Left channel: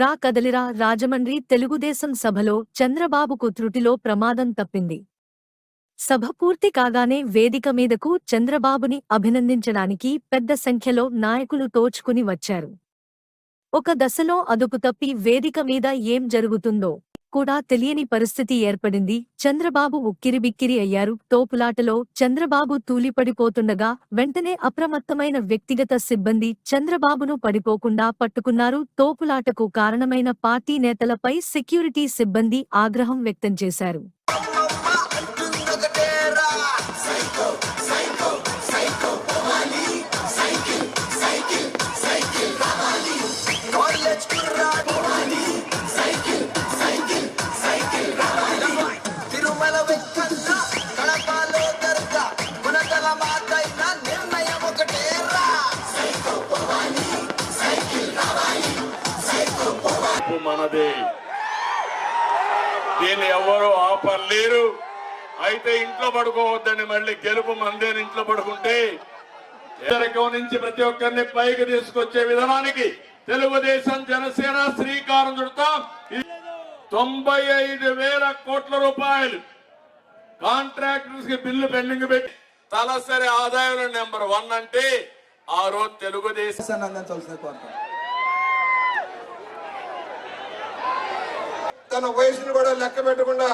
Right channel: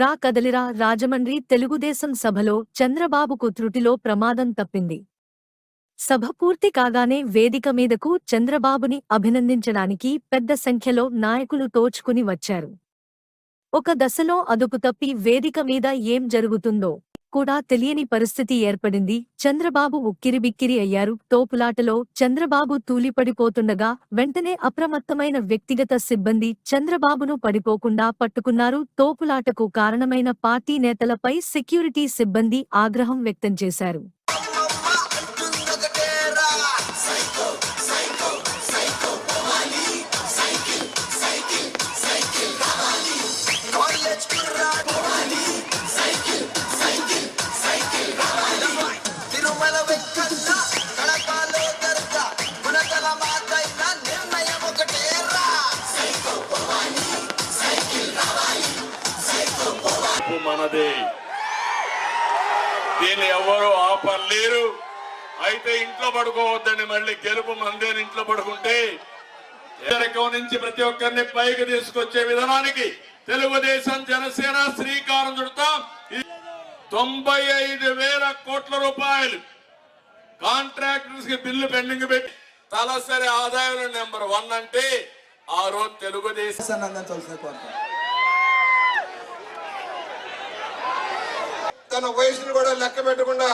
రా కదలిరా రాజమండ్రి తెలుగుదేశం సభలో చంద్రబాబుకు త్రుటిలో ప్రమాదం తప్పింది. సభ పూర్తి కాగానే వేదిక మీదకు చంద్రబాబుని అభినందించడానికి పెద్ద సంఖ్యలో నాయకులు తోచుకుని వచ్చారు. ఒక దశలో అదుపు తప్పి వేదిక మీద ఏం జరుగుతుందో కూడా తెలియని పరిస్థితి ఏర్పడింది. చంద్రబాబు ఉక్కిరిబిక్కిరి అయ్యారు. తోపులాటలో చంద్రబాబు తూలిపడిపోతుండగా వెంటనే అప్రమత్తమైన వ్యక్తిగత సిబ్బంది చంద్రబాబును పడిపోకుండా పట్టుకున్నారు. తోపులాటకు కారణమైన పార్టీ నేతలపై సెక్యూరిటీ సిబ్బంది ఆగ్రహం వ్యక్తం చేశారు. మనది దీన్ని ఎవరు ఆపలేరు. అయితే ఇంట్లో పడుకోవద్దని మళ్ళీ గెలుపు మందేని ఇంట్లో పడుకుంటే. ఎదరికం నుంచి ప్రతి ఒక్కరిని పైకి తీసుకొచ్చే విధానానికి తెలుగుదేశం జనసేన శ్రీకారం చుడతాం. తొంభై ఐదు వేల కోట్ల రూపాయలు కాంట్రాక్టర్స్కి బిల్లు పెండింగ్ పెట్టి తలసరి ఆదాయంలో నెంబర్ వన్ అంటే ఆ రోజు తెలుగుదేశం అందించాల్సిన కోరుతాం తన వయసును కూడా లెక్క పెట్టకుండా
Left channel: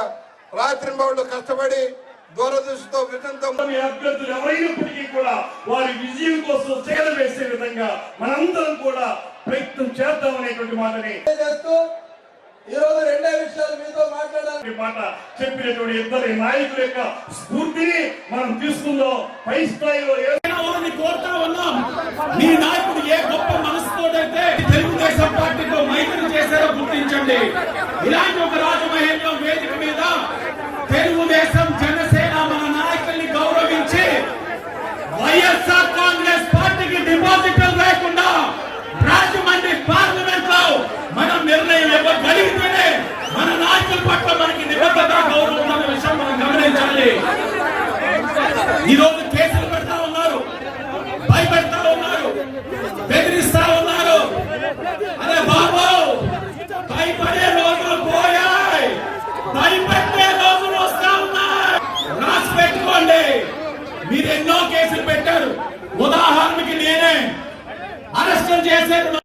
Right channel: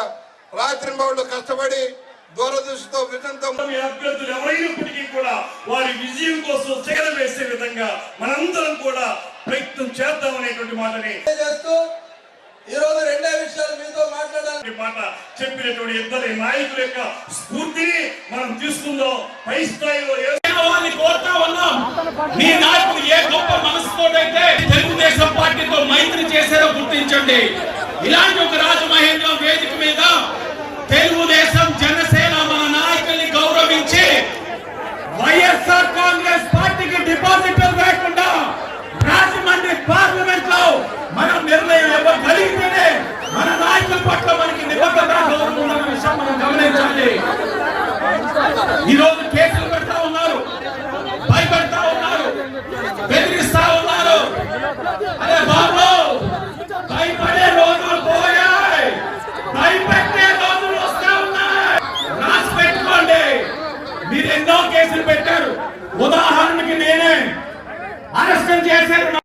రాత్రి కష్టపడి దూరదృష్టితో అభ్యర్థులు ఎవరైనప్పటికీ కూడా వారి విజయం కోసం చేర వేసే విధంగా మనందరం కూడా ప్రయత్నం చేద్దామనేటువంటి మాటని చేస్తూ ఈ రోజు రెండే విషయాలు మీతో మాట్లాడాలి. ఈ మాట చెప్పినటువంటి ఇద్దరి నాయకుల యొక్క స్ఫూర్తిని మనం తీసుకుందాం. పై స్థాయిలో కోరుతా ఉన్నాం. మీ నాయకుడు ఏ గొప్ప మనసుతోటైతే తెలుగుదేశం పార్టీతో మైత్రి చేశారో గుర్తించండి. ఇలాంటి ఒక రాజమహేంద్రం వేదిక మీద తెలుగుదేశం జనసేన మన నాయకుల్ని గౌరవించి వైఎస్ఆర్ కాంగ్రెస్ పార్టీకి డిపాజిటర్ లేకుండా రాజమండ్రి పార్లమెంట్లో మనం నిర్ణయం ఇవ్వగలిగితేనే మన నాయకుల పట్ల మనకి నిబద్ధత గౌరవం ఉన్న విషయం మనం గమనించాలి. ఈరోజు కేసులు పెడతా ఉన్నారు భయపెడతా ఉన్నారు బెదిరిస్తా ఉన్నారు. అదే మీరు ఎన్నో కేసులు పెట్టారు. ఉదాహరణకి నేనే అరెస్టులు చేశారు.